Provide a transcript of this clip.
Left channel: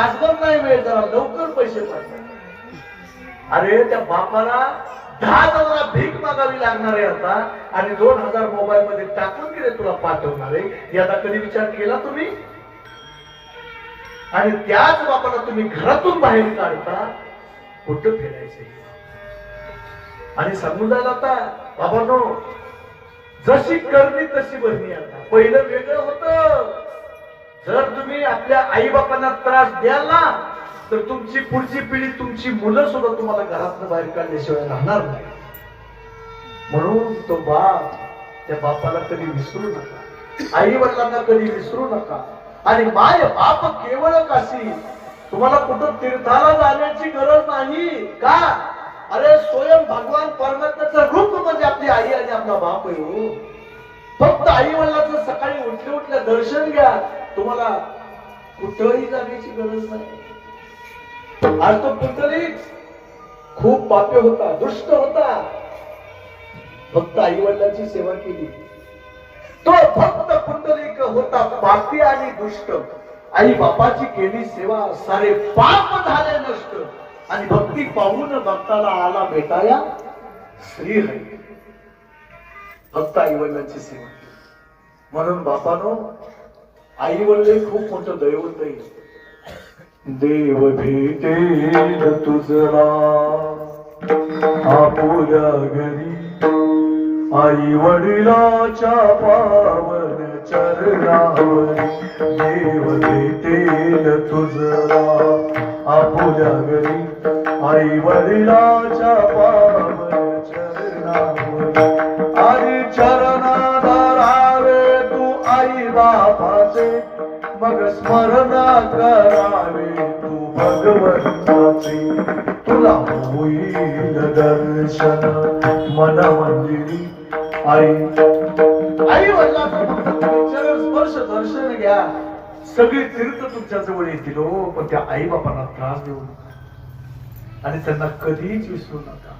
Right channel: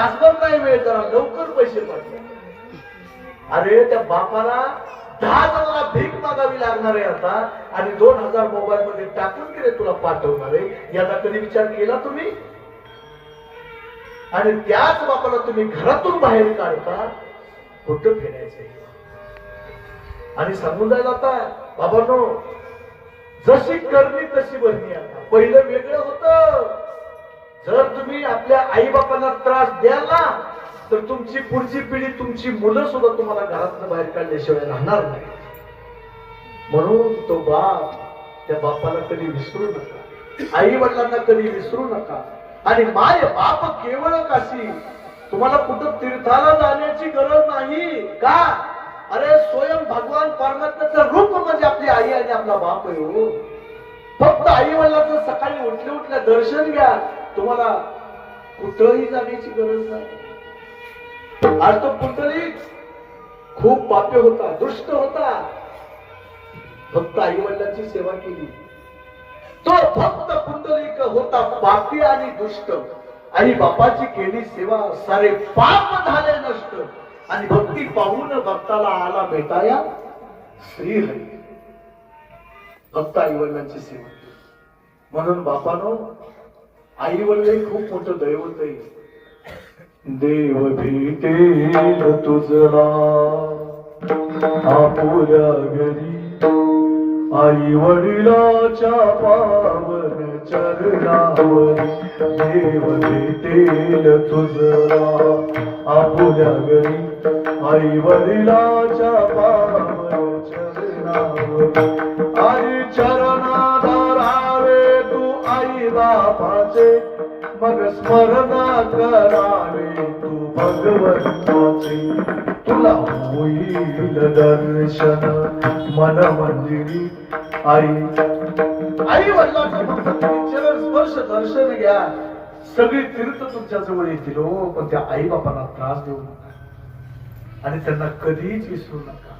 तासभर नाही मिळत त्याला लवकर पैसे पडतात. अरे त्या बापाला दहा जणांना भीक मागावी लागणार आहे आता. आणि दोन हजार मोबाईल मध्ये टाकून गेले तुला पाठवणार आहे. याचा कधी विचार केला तुम्ही? आणि त्याच बापाला तुम्ही घरातून बाहेर काढता कुठं फिरायचं आणि सांगून जायला आता बाबांनो जशी करणी तशी भरणी आता. पहिलं वेगळं होतं. जर तुम्ही आपल्या आई बापांना त्रास द्याल ना तर तुमची पुढची पिढी तुमची मुलं सुद्धा तुम्हाला घरातनं बाहेर काढल्याशिवाय राहणार नाही. म्हणून तो बाप त्या बापाला कधी विसरू नका. आई वडिलांना कधी विसरू नका. आणि माय बाप केवळ काशी तुम्हाला कुठं तीर्थाला जाण्याची गरज नाही. का? अरे स्वयं भगवान परमात्म्याचं रूप म्हणजे आपली आई आणि आपला बाप येऊ हो. फक्त आई वडिलांचं सकाळी उठल्या उठल्या दर्शन घ्या. तुम्हाला कुठंही जाण्याची गरज नाही. आज तो पुंडलिक खूप पाप्य होता दुष्ट होता. फक्त आई वडिलांची सेवा केली. तो फक्त पुंडलिक होता पापी आणि दुष्ट. आई बापाची केली सेवा सारे पाप झाले नष्ट. आणि भक्ती पाहून भक्ताला आला भेटाया श्री हरी भक्त आई वडिलांची सेवा म्हणून बापानो आई वडील खूप मोठं दैवत आहे. देव भेटे तुझला आपुल्या घरी आई वडिलाच्या पावन चरणावर. देव भेटेल तुझला आपुल्या घरी आई वडिलाच्या पावन बापाचे मग स्मरणा करावे तू भगवंताचे. तुला होईल दर्शन मन मंदिरी आई. आई वडिलांचा स्पर्श दर्शन घ्या. सगळी तीर्थ तुमच्या जवळ येतील हो पण त्या आई बापांना त्रास देऊ नका. आणि त्यांना कधीच विसरू नका.